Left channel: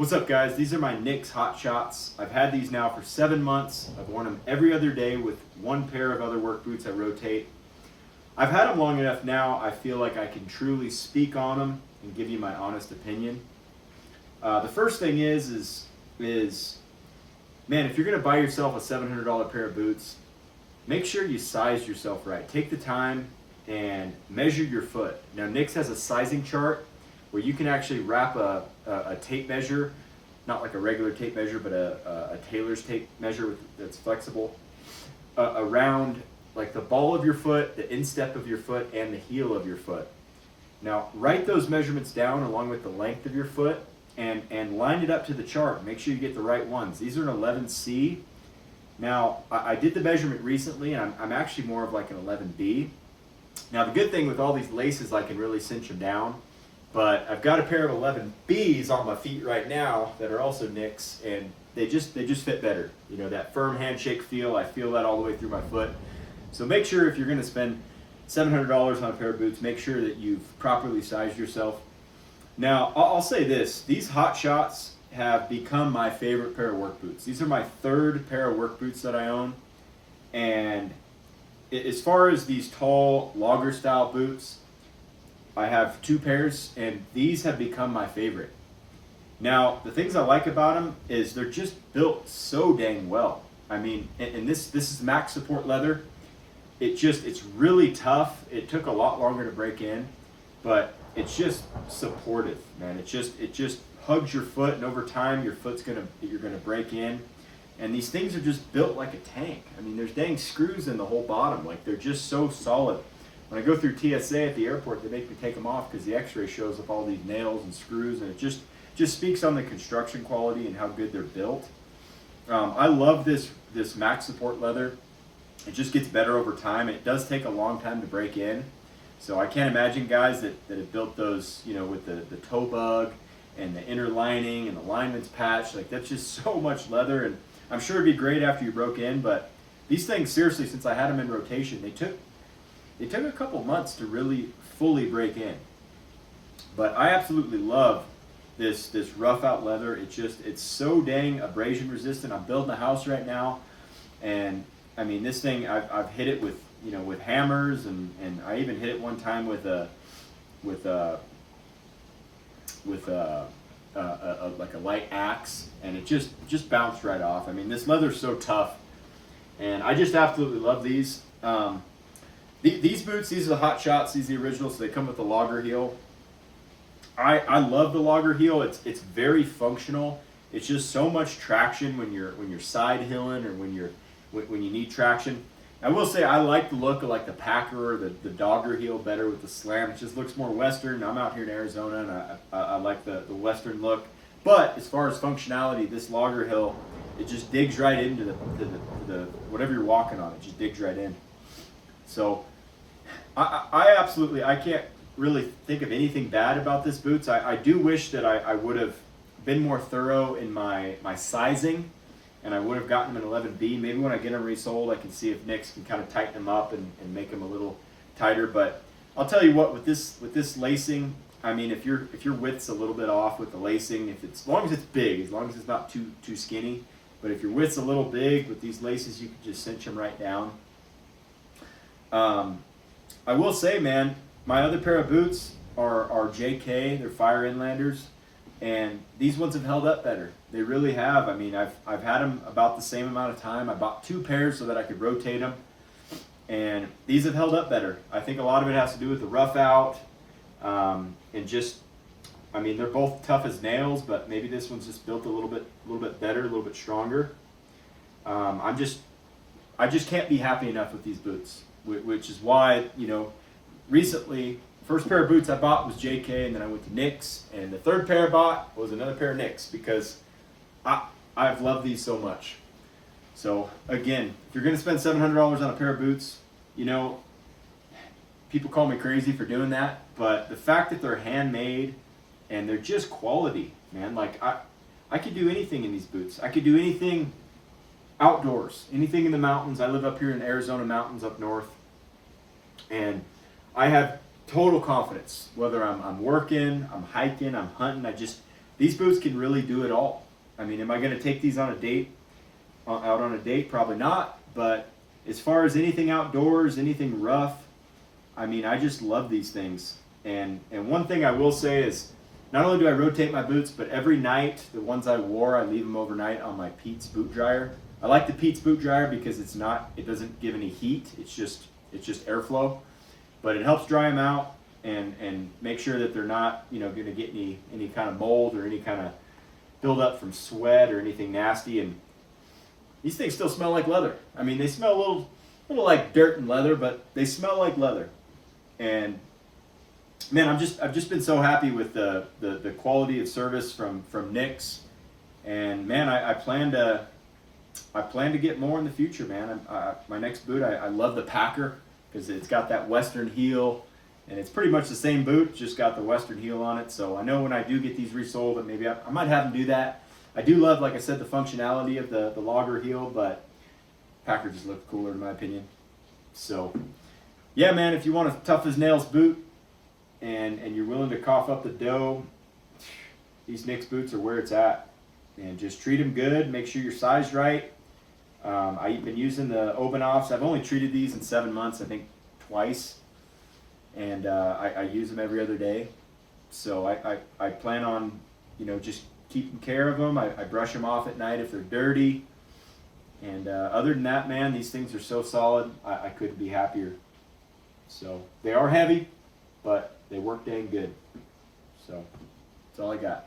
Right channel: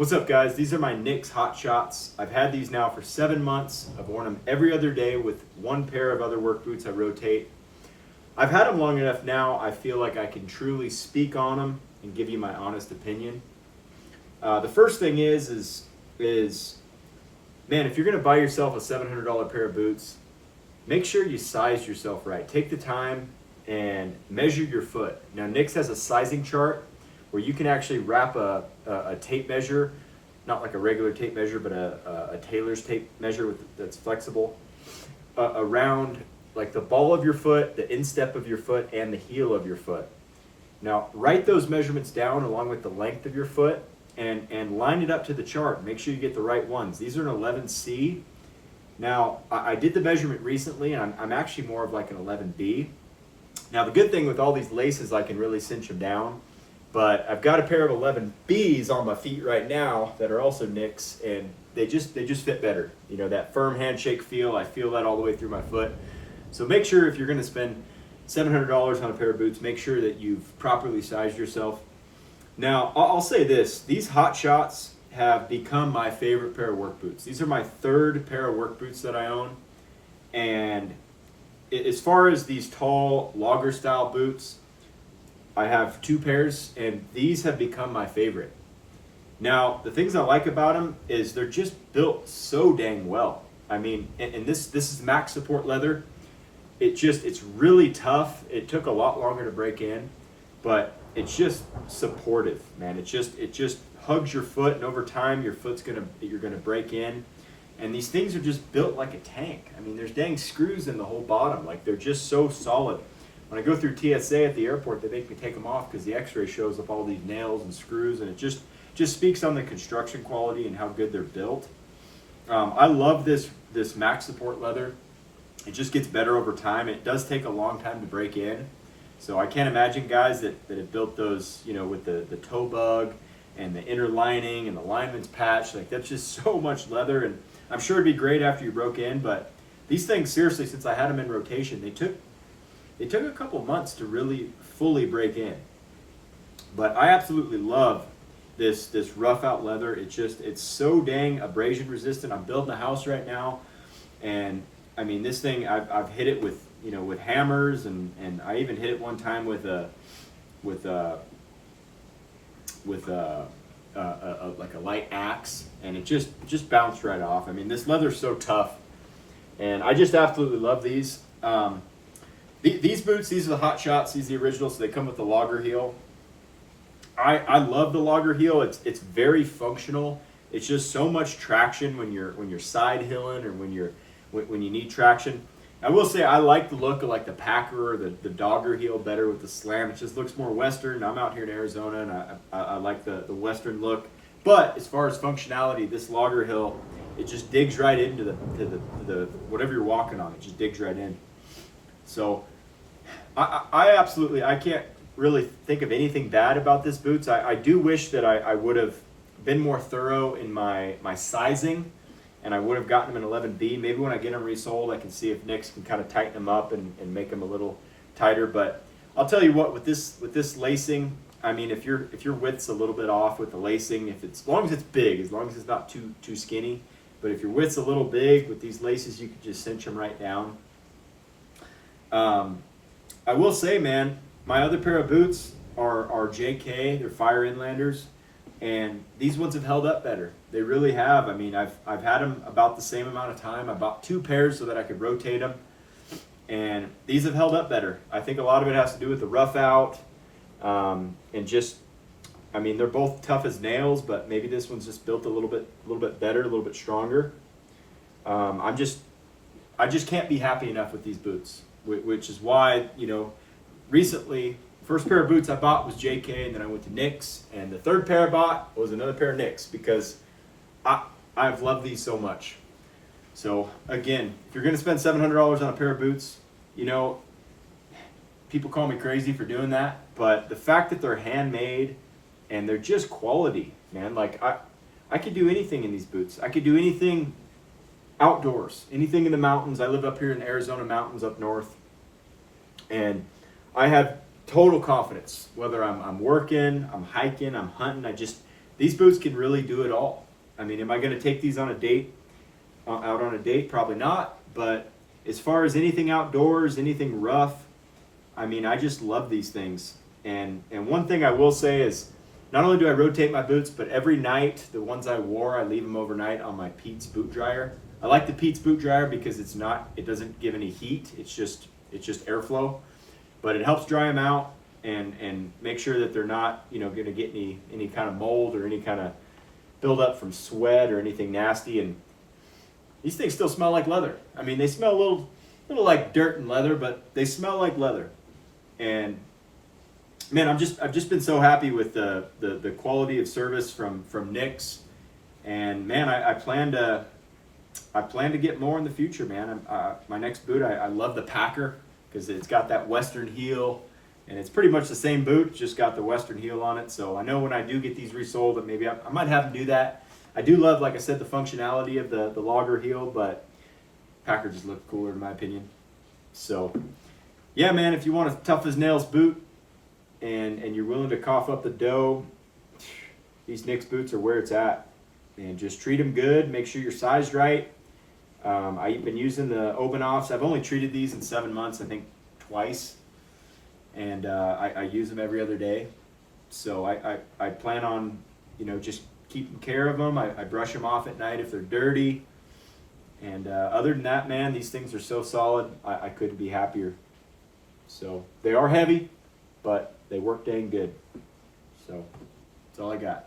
What's up, guys? These are my Nicks Hot Shots. I've had these now for 7 months. I've worn them every other day with one pair of other work boots I rotate. I've had them long enough now, I feel like I can truly speak on them and give you my honest opinion. The first thing is man, if you're gonna buy yourself a $700 pair of boots, make sure you size yourself right. Take the time and measure your foot. Now, Nicks has a sizing chart where you can actually wrap a tape measure, not like a regular tape measure, but a tailor's tape measure that's flexible, around like the ball of your foot, the instep of your foot, and the heel of your foot. Now, write those measurements down along with the length of your foot and line it up to the chart. Make sure you get the right ones. These are an 11C. Now, I did the measurement recently, and I'm actually more of like an 11B. Now, the good thing with all these laces, I can really cinch them down. But I've got a pair of 11Bs on my feet right now that are also Nicks, and they just fit better. You know, that firm handshake feel, I feel that all the way through my foot. So make sure if you're going to spend $700 on a pair of boots, make sure that you've properly sized yourself. Now, I'll say this. These Hot Shots have become my favorite pair of work boots. These are my third pair of work boots that I own. And as far as these tall logger style boots, I have two pairs, and these have become my favorite. Now, the things I like about them is they're just built so dang well. I mean, and this is max support leather. It's really tough. It took a lot longer to break in, but it's just supportive, man. It just hugs your foot, and over time you're gonna break in. And these things are just built like a tank. I mean, there's dang screws in the whole bottom. Like, they're just so solid. When I go through TSA at the airport, they make me take them off because the x-ray shows up all these nails and screws, and it just speaks on the construction quality and how good they're built. I love this max support leather. It just gets better over time. It does take a long time to break in. So I can't imagine guys that have built those, you know, with the toe bug and the inner lining and the lineman's patch. Like, that's just so much leather, and I'm sure it'd be great after you broke in, but these things, seriously, since I had them in rotation, they took a couple months to really fully break in. But I absolutely love this rough out leather. It's so dang abrasion resistant. I'm building a house right now, and I mean, this thing, I've hit it with hammers, and I even hit it one time with a like a light axe, and it just bounced right off. I mean, this leather's so tough, and I just absolutely love these. These boots, these are the Hot Shots. These are the originals, so they come with the logger heel. I love the logger heel. It's very functional. It's just so much traction when you're side hilling or when you need traction. I will say I like the look of like the Packer or the Dogger heel better with the slam. It just looks more Western. I'm out here in Arizona, and I like the Western look. But as far as functionality, this logger heel, it just digs right into the whatever you're walking on. It just digs right in. So I absolutely, I can't really think of anything bad about this boots. I do wish that I would have been more thorough in my sizing, and I would have gotten them in 11B. Maybe when I get them resold, I can see if Nicks can kind of tighten them up and make them a little tighter. But I'll tell you what, with this lacing, I mean, if your width's a little bit off with the lacing, as long as it's big, as long as it's not too skinny, but if your width's a little big with these laces, you can just cinch them right down. I will say, man, my other pair of boots are JK. They're Fire Inlanders, and these ones have held up better. They really have. I mean, I've had them about the same amount of time. I bought two pairs so that I could rotate them, and these have held up better. I think a lot of it has to do with the rough out, and just, I mean, they're both tough as nails, but maybe this one's just built a little bit better, a little bit stronger. I just can't be happy enough with these boots, which is why, you know, recently, first pair of boots I bought was JK, and then I went to Nicks, and the third pair I bought was another pair of Nicks because I've loved these so much. So again, if you're going to spend $700 on a pair of boots, you know, people call me crazy for doing that, but the fact that they're handmade and they're just quality, man, like I could do anything in these boots. I could do anything outdoors, anything in the mountains. I live up here in the Arizona mountains up north, and I have total confidence whether I'm working, I'm hiking, I'm hunting. these boots can really do it all. I mean, am I going to take these on a date, out on a date? Probably not. But as far as anything outdoors, anything rough, I mean, I just love these things. And one thing I will say is, not only do I rotate my boots, but every night, the ones I wore, I leave them overnight on my Pete's boot dryer. I like the Pete's boot dryer because it doesn't give any heat. It's just airflow, but it helps dry them out and make sure that they're not, going to get any kind of mold or any kind of buildup from sweat or anything nasty. And these things still smell like leather. I mean, they smell a little like dirt and leather, but they smell like leather. And man, I've just been so happy with the quality of service from Nick's, and man, I plan to get more in the future, man. My next boot, I love the Packer because it's got that Western heel, and it's pretty much the same boot, just got the Western heel on it. So I know when I do get these resold, that maybe I might have them do that. I do love, like I said, the functionality of the logger heel, but Packer just looked cooler in my opinion. So yeah, man, if you want a tough as nails boot and you're willing to cough up the dough, these Nick's boots are where it's at. And just treat them good. Make sure you're sized right. I've been using the Obanoffs. I've only treated these in 7 months, I think twice. And I use them every other day. So I plan on, just keeping care of them. I brush them off at night if they're dirty. And other than that, man, these things are so solid. I couldn't be happier. So they are heavy, but they work dang good. So that's all I got.